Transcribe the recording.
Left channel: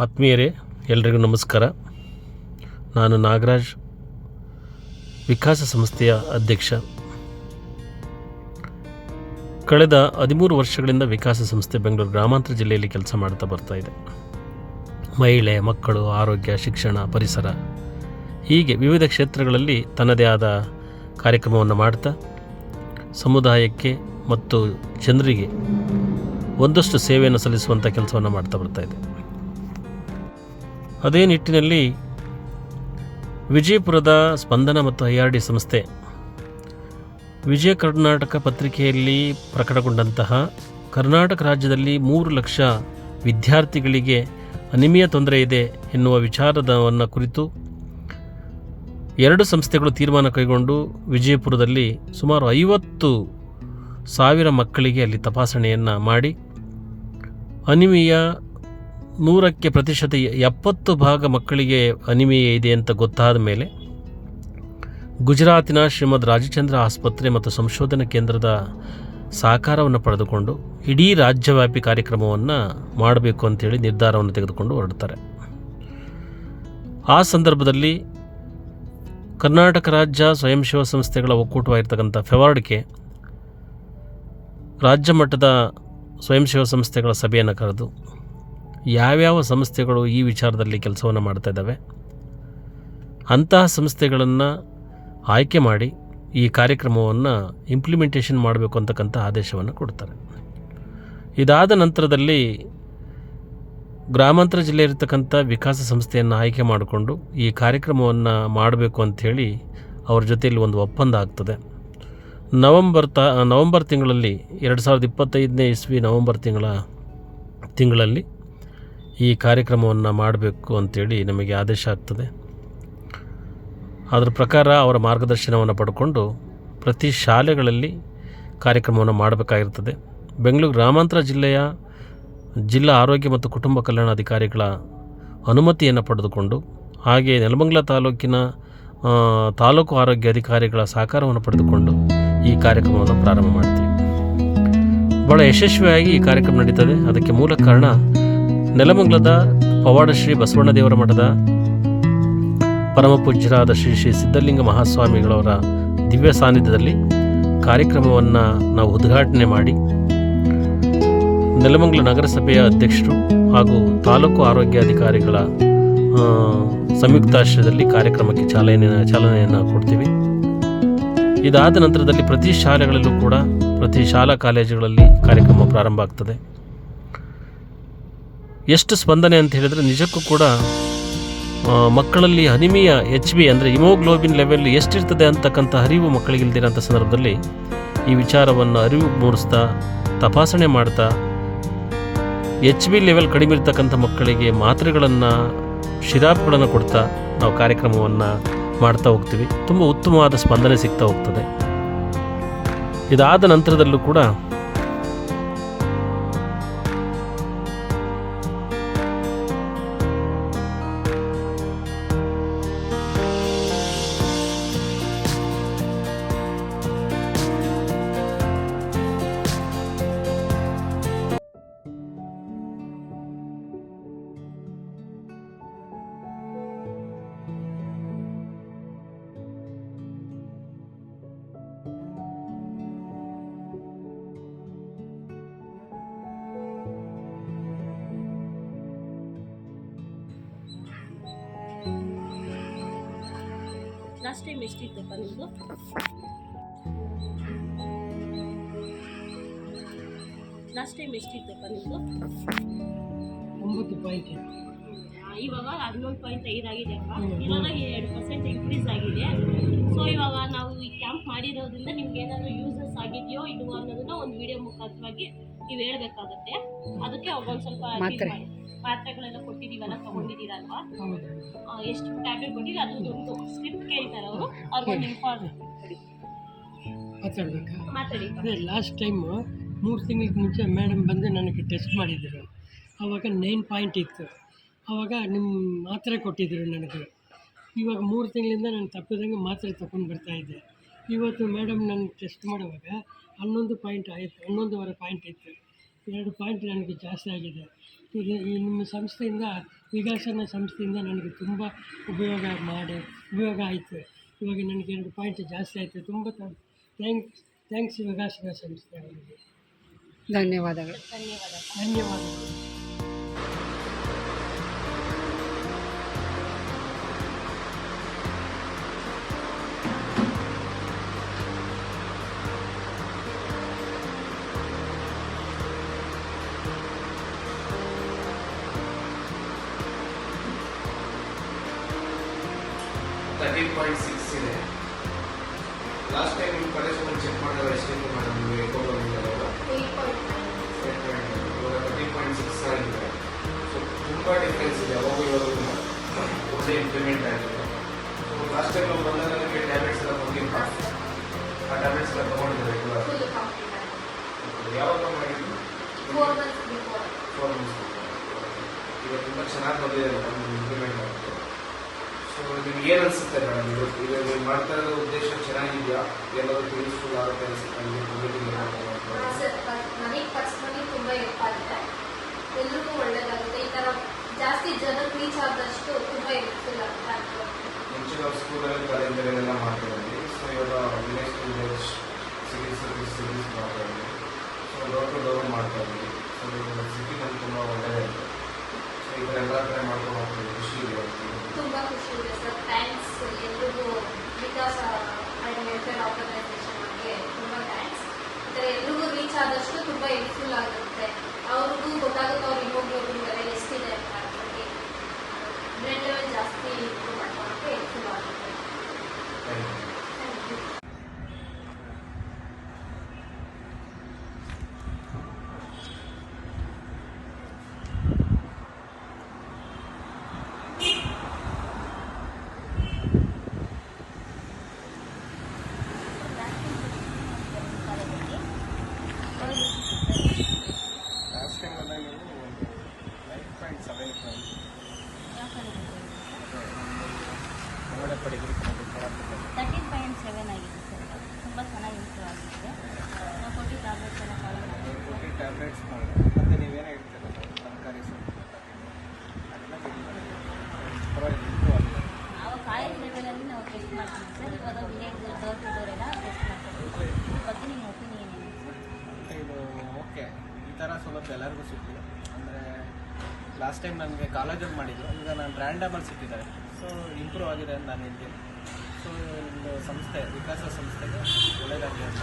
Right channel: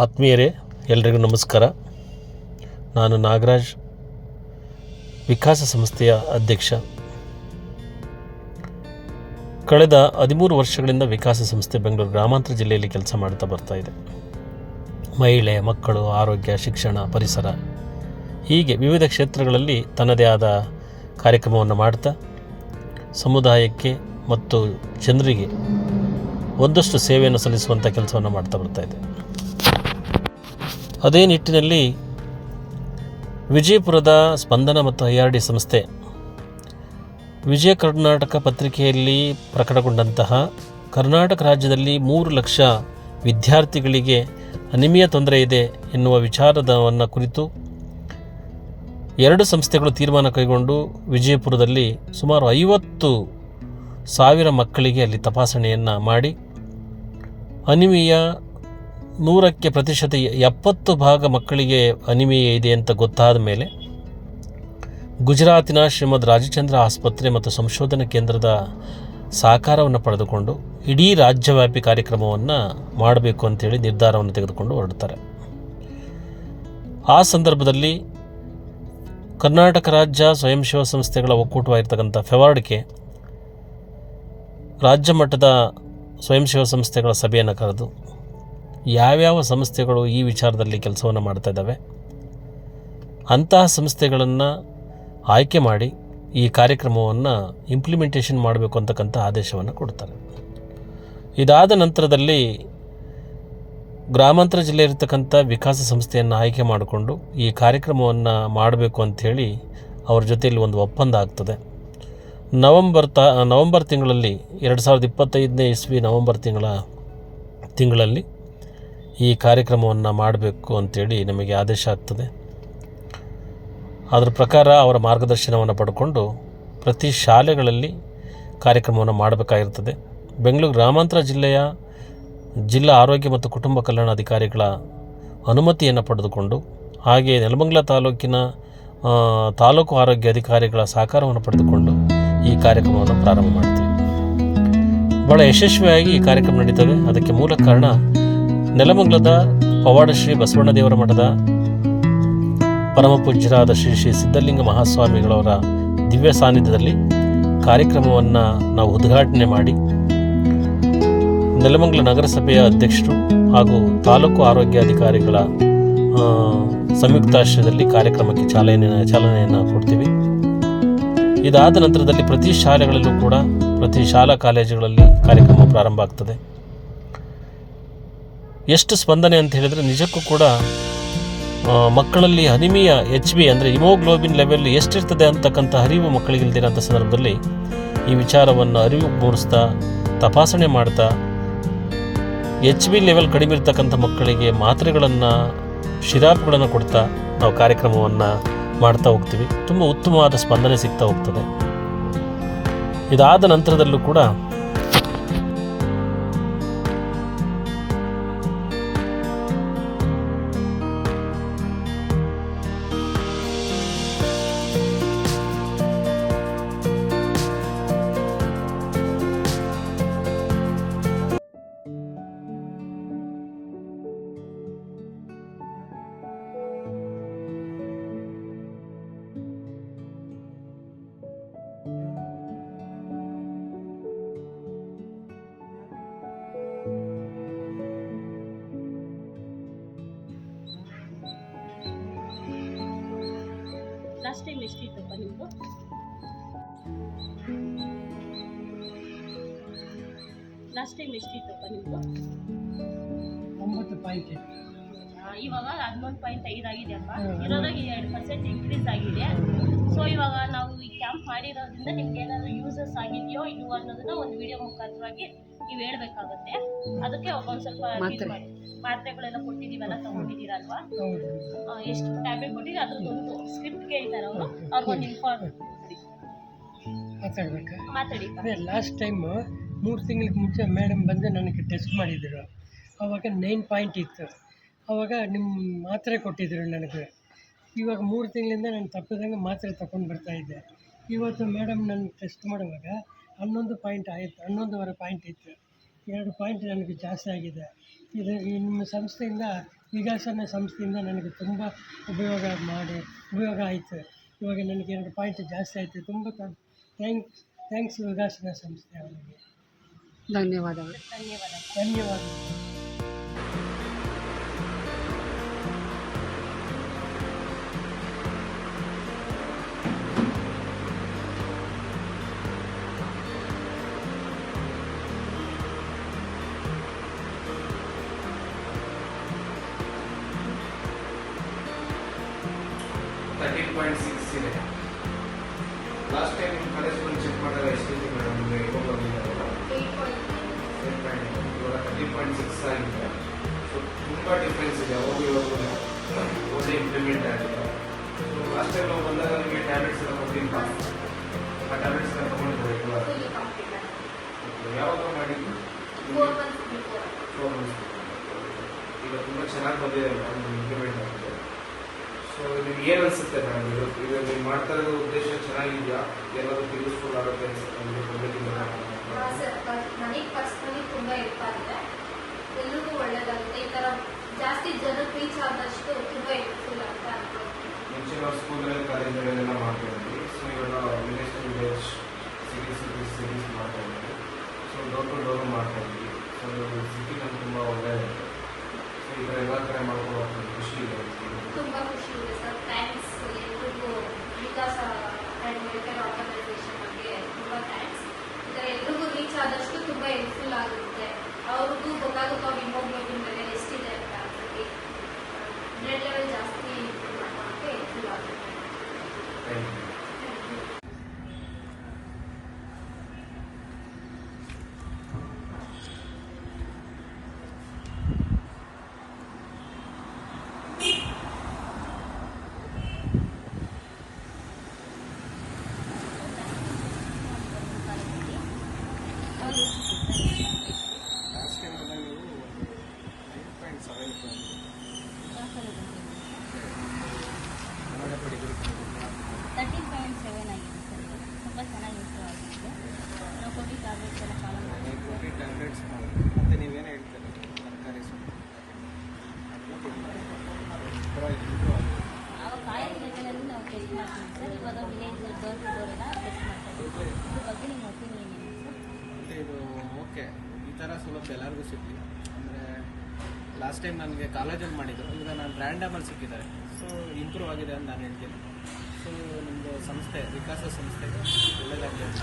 ಆತ್ಮೀಯರೇ, ಎಲ್ರಿಗೂ ನಮಸ್ಕಾರ. ನಾನು ನಾಗರಾಜ್, ವಿಕಾಸ ಸಂಸ್ಥೆಯ ಅಧ್ಯಕ್ಷ. ಕಳೆದ 13 ವರ್ಷಗಳಿಂದ ವಿಕಾಸ ಸಂಸ್ಥೆ ಬೆಂಗಳೂರು ಗ್ರಾಮಾಂತರ ಜಿಲ್ಲೆಯಲ್ಲಿ ಕೆಲಸ ಮಾಡ್ತಾ ಬರ್ತಾ ಇದೆ. ಮಹಿಳೆ, ಮಕ್ಕಳು, ಆರೋಗ್ಯ, ಶಿಕ್ಷಣ, ಪರಿಸರ ಹೀಗೆ ವಿವಿಧ ಕ್ಷೇತ್ರಗಳಲ್ಲಿ ತನ್ನದೇ ಆದ ಕಾರ್ಯಕ್ರಮವನ್ನು ಮಾಡ್ತಾ ಸಮುದಾಯಕ್ಕೆ ಮತ್ತು ಜನರಿಗೆ ಒಂದಷ್ಟು ಸೇವೆಯನ್ನು ಸಲ್ಲಿಸುವಂಥ ಕೆಲಸವನ್ನು ಮಾಡ್ತಾ ಬರ್ತಾ ಇದೆ. ಅದೇ ನಿಟ್ಟಿನಲ್ಲಿ ವಿಜಯಪುರದ ಸ್ಪಂದನ ಮತ್ತು IRD ಸಂಸ್ಥೆ ವಿಜಯ ಕರ್ನಾಟಕ ಪತ್ರಿಕೆಯಲ್ಲಿ ಪ್ರಕಟಗೊಂಡಂತಹ ಕರ್ನಾಟಕ ರಾಜ್ಯದಲ್ಲಿ 3 ಲಕ್ಷ ವಿದ್ಯಾರ್ಥಿಗಳಿಗೆ ಅನಿಮಿಯಾ ತೊಂದರೆ ಇದೆ ಎನ್ನುವ ವಿಚಾರವನ್ನು ಕುರಿತು 2 ಸಂಸ್ಥೆಗಳು ತೀರ್ಮಾನ ಕೈಗೊಂಡು ವಿಜಯಪುರದಲ್ಲಿ ಸುಮಾರು 50,000 ಮಕ್ಕಳಿಗೆ ಅಲ್ಲಿ ತಪಾಸಣೆಯನ್ನು ಮಾಡಿ ಅನಿಮಿಯಾ 100% 70% ಮಕ್ಕಳಿಗೆ ಅನಿಮಿಯಾ ಇದೆ ಅಂತ ಗೊತ್ತಾದ ಮೇಲೆ ಗುಜರಾತಿನ ಶ್ರೀಮದ್ ರಾಜಚಂದ್ರ ಆಸ್ಪತ್ರೆ ಮತ್ತು ಸಂಶೋಧನಾ ಕೇಂದ್ರದ ಸಹಕಾರವನ್ನು ಪಡೆದುಕೊಂಡು ಇಡೀ ರಾಜ್ಯವ್ಯಾಪಿ ಕಾರ್ಯಕ್ರಮವನ್ನು ಮಾಡಬೇಕು ಅಂತೇಳಿ ನಿರ್ಧಾರವನ್ನು ತೆಗೆದುಕೊಂಡು ಹೊರಡ್ತಾರೆ. ಆ ಸಂದರ್ಭದಲ್ಲಿ ಕರ್ನಾಟಕ ರಾಜ್ಯ ಸ್ವಯಂ ಸೇವಾ ಸಂಸ್ಥೆಗಳ ಒಕ್ಕೂಟವಾಗಿರ್ತಕ್ಕಂಥ ಫೆವಾರ್ಡ್ಗೆ ರಾಜ್ಯ ಮಟ್ಟದ ಸ್ವಯಂ ಸೇವಾ ಸಂಸ್ಥೆಗಳ ಸಭೆಯನ್ನು ಕರೆದು ಯಾವ್ಯಾವ ಸಂಸ್ಥೆಗಳು ಈ ವಿಚಾರದಲ್ಲಿ ಕೆಲಸವನ್ನು ಮಾಡ್ತಾ ಇದ್ದಾವೆ ಅಂತಹ ಸಂಸ್ಥೆಗಳನ್ನು ಆಯ್ಕೆ ಮಾಡಿ ಈ ಕಾರ್ಯಕ್ರಮವನ್ನು ಇಂಪ್ಲಿಮೆಂಟೇಷನ್ ಮಾಡಬೇಕು ಅಂತಕ್ಕಂಥ ಆದೇಶವನ್ನು ಕೊಡ್ತಾರೆ. ಇದಾದ ನಂತರದಲ್ಲಿ ಗ್ರಾಮಾಂತರ ಜಿಲ್ಲೆ ಇರತಕ್ಕಂಥ ವಿಕಾಸ ಸಂಸ್ಥೆಯನ್ನು ಆಯ್ಕೆ ಮಾಡಿಕೊಂಡು ಈ ಕಾರ್ಯಕ್ರಮವನ್ನು ಮಾಡಬೇಕು ಅಂಥೇಳಿ ಅವ್ರ ಜೊತೆಯಲ್ಲಿ ಒಂದು ಒಪ್ಪಂದ ಆಗ್ತದೆ. ನವಂಬರ್ ತಿಂಗಳಲ್ಲಿ 2025ನೇ ಇಸ್ವಿ ನವಂಬರ್ ತಿಂಗಳಲ್ಲಿ ಈ ಕಾರ್ಯಕ್ರಮವನ್ನು ಮಾಡಬೇಕು ಅಂಥೇಳಿ ನಮಗೆ ಆದೇಶ ಆಗ್ತದೆ. ಅದರ ಪ್ರಕಾರ ಅವರ ಮಾರ್ಗದರ್ಶನವನ್ನು ಪಡ್ಕೊಂಡು ಪ್ರತಿ ಶಾಲೆಗಳಲ್ಲಿ ಕಾರ್ಯಕ್ರಮವನ್ನು ಮಾಡಬೇಕಾಗಿರ್ತದೆ. ಬೆಂಗಳೂರು ಗ್ರಾಮಾಂತರ ಜಿಲ್ಲೆಯ ಜಿಲ್ಲಾ ಆರೋಗ್ಯ ಮತ್ತು ಕುಟುಂಬ ಕಲ್ಯಾಣಾಧಿಕಾರಿಗಳ ಅನುಮತಿಯನ್ನು ಪಡೆದುಕೊಂಡು ಹಾಗೆ ನೆಲಮಂಗಲ ತಾಲೂಕಿನ ತಾಲೂಕು ಆರೋಗ್ಯ ಅಧಿಕಾರಿಗಳ ಸಹಕಾರವನ್ನು ಪಡೆದುಕೊಂಡು ಈ ಕಾರ್ಯಕ್ರಮವನ್ನು ಪ್ರಾರಂಭ ಮಾಡ್ತೀವಿ. ಭಾಳ ಯಶಸ್ವಿಯಾಗಿ ಈ ಕಾರ್ಯಕ್ರಮ ನಡೀತದೆ. ಅದಕ್ಕೆ ಮೂಲ ಕಾರಣ ನೆಲಮಂಗಲದ ಪವಾಡ ಶ್ರೀ ಬಸವಣ್ಣ ದೇವರ ಮಠದ ಪರಮ ಪೂಜ್ಯರಾದ ಶ್ರೀ ಸಿದ್ಧಲಿಂಗ ಮಹಾಸ್ವಾಮಿಗಳವರ ದಿವ್ಯ ಸಾನ್ನಿಧ್ಯದಲ್ಲಿ ಕಾರ್ಯಕ್ರಮವನ್ನು ನಾವು ಉದ್ಘಾಟನೆ ಮಾಡಿ ನೆಲಮಂಗಲ ನಗರಸಭೆಯ ಅಧ್ಯಕ್ಷರು ಹಾಗೂ ತಾಲೂಕು ಆರೋಗ್ಯ ಅಧಿಕಾರಿಗಳ ಸಂಯುಕ್ತಾಶ್ರಯದಲ್ಲಿ ಕಾರ್ಯಕ್ರಮಕ್ಕೆ ಚಾಲನೆಯನ್ನು ಕೊಡ್ತೀವಿ. ಇದಾದ ನಂತರದಲ್ಲಿ ಪ್ರತಿ ಶಾಲೆಗಳಲ್ಲೂ ಕೂಡ ಪ್ರತಿ ಶಾಲಾ ಕಾಲೇಜುಗಳಲ್ಲಿ ಕಾರ್ಯಕ್ರಮ ಪ್ರಾರಂಭ ಆಗ್ತದೆ. ಎಷ್ಟು ಸ್ಪಂದನೆ ಅಂತ ಹೇಳಿದರೆ ನಿಜಕ್ಕೂ ಕೂಡ ಮಕ್ಕಳಲ್ಲಿ ಅನಿಮಿಯಾ HB ಅಂದರೆ ಹಿಮೋಗ್ಲೋಬಿನ್ ಲೆವೆಲ್ ಎಷ್ಟಿರ್ತದೆ ಅಂತಕ್ಕಂಥ ಅರಿವು ಮಕ್ಕಳಿಗೆ ಇಲ್ದಿರೋಂಥ ಸಂದರ್ಭದಲ್ಲಿ ಈ ವಿಚಾರವನ್ನು ಅರಿವು ಮೂಡಿಸ್ತಾ ತಪಾಸಣೆ ಮಾಡ್ತಾ HB ಲೆವೆಲ್ ಕಡಿಮೆ ಇರ್ತಕ್ಕಂಥ ಮಕ್ಕಳಿಗೆ ಮಾತ್ರೆಗಳನ್ನು ಶಿರಾಪ್ಗಳನ್ನು ಕೊಡ್ತಾ ನಾವು ಕಾರ್ಯಕ್ರಮವನ್ನು ಮಾಡ್ತಾ ಹೋಗ್ತೀವಿ. ತುಂಬ ಉತ್ತಮವಾದ ಸ್ಪಂದನೆ ಸಿಗ್ತಾ ಹೋಗ್ತದೆ. ಇದಾದ ನಂತರದಲ್ಲೂ ಕೂಡ ಲಾಸ್ಟ್ ಟೈಮ್ ಎಷ್ಟಿತ್ತಪ್ಪ ನಿಮ್ಮದು? ಲಾಸ್ಟ್ ಟೈಮ್ ಎಷ್ಟಿತ್ತಪ್ಪ ನಿಮ್ಮದು? 9 ಪಾಯಿಂಟ್. ಇವಾಗ 11.5 ಆಗಿದೆಯಪ್ಪ. ಇವಾಗ 2% ಇನ್ಕ್ರೀಸ್ ಆಗಿದೆ. ಸೊ ಇವಾಗ ನಾವು ಈ ಕ್ಯಾಂಪ್ ಮಾಡಿರೋದ್ರಿಂದ ನಿಮ್ಗೆ ಏನಾದರೂ ಯೂಸಸ್ ಆಗಿದೆಯೋ ಇಲ್ವೋ ಅನ್ನೋದನ್ನ ಒಂದು ವಿಡಿಯೋ ಮುಖಾಂತರವಾಗಿ ನೀವು ಹೇಳ್ಬೇಕಾಗುತ್ತೆ. ಅದಕ್ಕೆ ಒಂದು ಸ್ವಲ್ಪ ಮಾತ್ರೆಗಳೆಲ್ಲ ಕೊಟ್ಟಿದ್ದೀವಲ್ಲ, ತೊಗೊಂಡಿದ್ದೀರಲ್ವಾ? ಎಷ್ಟು ಟ್ಯಾಬ್ಲೆಟ್ ಕೊಟ್ಟಿದ್ದೀವಿ ಅದ್ರದ್ದೊಂದು ಸ್ಕ್ರಿಪ್ಟ್ ಕೇಳ್ತಾರೆ ಅವರು. ಅವ್ರಿಗೊಂದು ಇನ್ಫಾರ್ಮ್ ಮಾತಾಡಿ. ಅದೇ ಲಾಸ್ಟ್ ಟೈಮು 3 ತಿಂಗಳಿಗೆ ಮುಂಚೆ ಮೇಡಮ್ ಬಂದು ನನಗೆ ಟೆಸ್ಟ್ ಮಾಡಿದರು. ಆವಾಗ 9 ಪಾಯಿಂಟ್ ಇತ್ತು. ಆವಾಗ ನಿಮ್ಮ ಮಾತ್ರೆ ಕೊಟ್ಟಿದ್ದರು ನನಗೆ. ಇವಾಗ 3 ತಿಂಗಳಿಂದ ನಾನು ತಪ್ಪಿದಂಗೆ ಮಾತ್ರೆ ತಗೊಂಡು ಬರ್ತಾಯಿದ್ದೆ. ಇವತ್ತು ಮೇಡಮ್ ನನ್ನ ಟೆಸ್ಟ್ ಮಾಡುವಾಗ 11 ಪಾಯಿಂಟ್ ಆಯಿತು, 11.5 ಪಾಯಿಂಟ್ ಇತ್ತು. 2 ಪಾಯಿಂಟ್ ನನಗೆ ಜಾಸ್ತಿ ಆಗಿದೆ. ಈ ನಿಮ್ಮ ಸಂಸ್ಥೆಯಿಂದ ವಿಕಾಸನ ಸಂಸ್ಥೆಯಿಂದ ನನಗೆ ತುಂಬ ಉಪಯೋಗ ಆಯಿತು. ಇವಾಗ ನನಗೆ 2 ಪಾಯಿಂಟ್ ಜಾಸ್ತಿ ಆಯಿತು. ತುಂಬ ಥ್ಯಾಂಕ್ಸ್ ವಿಕಾಸನ ಸಂಸ್ಥೆ ಅವರಿಗೆ. ಧನ್ಯವಾದಗಳು. ಧನ್ಯವಾದಗಳು. ಇದೆ. ಲಾಸ್ಟ್ ಟೈಮ್ ನಿಮ್ಮ ಕಾಲೇಜಲ್ಲಿ ಚೆಕ್ ಮಾಡಿದಾಗ ಎಷ್ಟಿತ್ತು ಮೇಡಮ್? ನಿಮಗೆ ಇವಾಗ 13.6 ಆಗಿದೆ. ಸೊ ತುಂಬ ಡಿಫ್ರೆನ್ಸ್ ಇದೆ. ಒಳ್ಳೆ ಇಂಪ್ಲಿಮೆಂಟ್ ಆಗಿದೆ. ಸೊ ಲಾಸ್ಟ್ ಟೈಮ್ ನಾವು ಬಂದಾಗ ನಿಮಗೆ ಟ್ಯಾಬ್ಲೆಟ್ಸ್ ಎಲ್ಲ ಬಂದಿಲ್ಲ. ಆ ಟ್ಯಾಬ್ಲೆಟ್ಸ್ ಎಲ್ಲ ತೊಗೊಂಡಿದ್ದೆ ಯಾವಾಗ ಮಾಡಿದ್ವಿ? 4 months. ಈಗ ತುಂಬ ಚೆನ್ನಾಗಿ ಬಂದಿದೆ ಇಂಪ್ಲಿಮೆಂಟ್ ಆಗಿದೆ. ಸೊ ನಿಮ್ಗೆ ಏನು ಅನಿಸುತ್ತೆ ಮೇಡಮ್? ಈಗ ನೀವು ಮಾಡ್ತಾ ಇರೋ ಉದ್ದೇಶ ಚೆನ್ನಾಗಿದೆಯಾ? ಎಲ್ಲರೂ ಯೂಸ್ಫುಲ್ ಆಗುತ್ತೆ ಅನಿಸುತ್ತೆ? ನನಗೆ ಪರ್ಸ್ನಲಿ ತುಂಬ ಹೆಲ್ಪ್ ಆಗಿದೆ. ಎಲ್ರಿಗೂ ಒಳ್ಳೇದಾಗುತ್ತೆ. ಈ ಥರ ಜಾಸ್ತಿ ಜನಕ್ಕೆ ರೀಚ್ ಆದಷ್ಟು ತುಂಬ ಹೆಲ್ಪ್ಫುಲ್ ಆಗುತ್ತೆ. ಮುಂಚಿನ ಸ್ಕೂಲಲ್ಲಿ ಕಾಲೇಜುಗಳೆಲ್ಲ ಮಾಡ್ತಾ ಇದ್ವಿ. ಸೊ ಇವಾಗ ವಿಲೇಜ್ ಟು ವಿಲೇಜ್, ಸಿಟೀಸ್ ಮಾಡ್ತಾ ಇದ್ವಿ. ಸೊ ಡೋರ್ ಟು ಡೋರ್ ಮಾಡ್ತಾ ಇದ್ವಿ. ಸೊ ಸಿಟಿ ನಮ್ಗೆ ತುಂಬ ಒಳ್ಳೆಯದಾಗಿದೆ. ಸೊ ಈ ಥರ ಎಲ್ಲ ಕಡೆ ಮಾಡ್ಕೊಂಡು ಹೋಗ್ತೀವಿ. ಖುಷಿ ಇದೆ. ತುಂಬ ಖುಷಿ ಇದೆ ಸರ್. ಥ್ಯಾಂಕ್ಸ್ ಎಲ್ರಿಗೂ ವಿಕಾಸ ಆ್ಯಂಡ್ ವೆಲ್ಫೇರ್ ಆರ್ಗನೈಸೇಷನ್ ಬಗ್ಗೆ ತುಂಬ ಥ್ಯಾಂಕ್ಸ್. ಈ ಥರ ಎಲ್ರಿಗೂ ರೀಚ್ ಆದಷ್ಟು ತುಂಬ ಹೆಲ್ಪ್ಫುಲ್ ಆಗುತ್ತೆ. ಅವ್ರಿಗೂ ಗೊತ್ತಾಗುತ್ತೆ ಅವ್ರ ಹಿಮೋಗ್ಲೋಬಿನ್ ಲೆವೆಲ್ ಎಷ್ಟಿದೆ ಅಂತ ಅಂದ್ಬಿಟ್ಟು ಬ್ಲಡ್ ಲೆವೆಲ್ ಜಾಸ್ತಿ ಇಂಪ್ರೂವ್ ಮಾಡೋಕ್ಕೆ ಹೆಲ್ಪ್ಫುಲ್ ಆಗುತ್ತೆ. ಲಾಸ್ಟ್ ಟೈಮ್ ಬಂದಾಗ ನೀವು 9.7 13.7 ಆಗಿದೆ ಸರ್. ತುಂಬ ಚೆನ್ನಾಗಿ ಇಂಪ್ರೂವ್ ಆಗಿದೆ. ನಾವು ಕೊಟ್ಟು ಟ್ಯಾಬ್ಲೆಟ್ಸ್ ಎಲ್ಲ ಫಾಲೋ ಮಾಡಿ ನೀವು ಕೊಟ್ಟು ಟ್ಯಾಬ್ಲೆಟ್ಸ್ ಮಾಡಿದ್ರೆ ಮತ್ತು ನೀವೇನು ಹೇಳ್ತೀರ ತರಕಾರಿ ಸೊಪ್ಪು ಅದೆಲ್ಲ ಪರವಾಗಿ ಇಂಪ್ರೂವ್ ಆಗಿದೆ. ಆವಾಗ ಕಾಲೇಜ್ ಲೆವೆಲಲ್ಲಿ ನಾವು ಟೆಸ್ಟ್ ಮಾಡ್ತೀವಿ ಸರ್. ಇವಾಗ ವಿಲೇಜ್ ಡೋರ್ ಟು ಡೋರ್ ಎಲ್ಲ ಟೆಸ್ಟ್ ಮಾಡ್ತೀವಿ. ಇದ್ರ ಬಗ್ಗೆ ನಿಮ್ಮ ಒಪಿನಿಯನ್ ಏನು ಸರ್? ಮತ್ತು ಇದು ಓಕೆ, ಈ ಥರ ಸೌಲಭ್ಯ ಎಲ್ಲರಿಗೂ ಸಿಗಲಿ. ಅಂದರೆ ಲಾಸ್ಟ್ ಟೈಮ್ ನನಗೆ ಕಾಲೇಜಲ್ಲಿ ಮಾಡಿದ್ದು, ಈಗ ನಾನು ರ್ಯಾಂಡಮಲ್ಲಿ ಸಿಕ್ಕಿದ್ದಾರೆ. ಸೊ ಇಂಪ್ರೂವ್ ಆಗಿದೆ ಅಂತ ನಾನು ಹೇಳ್ತೀನಿ. ಸೊ ನಿಮ್ಮದು ಸಂಸ್ಥೆ ವಿಕಾಸ ಸಂಸ್ಥೆಗೆ ಒಳ್ಳೆಯದಾಗಲಿ ಅಂತ.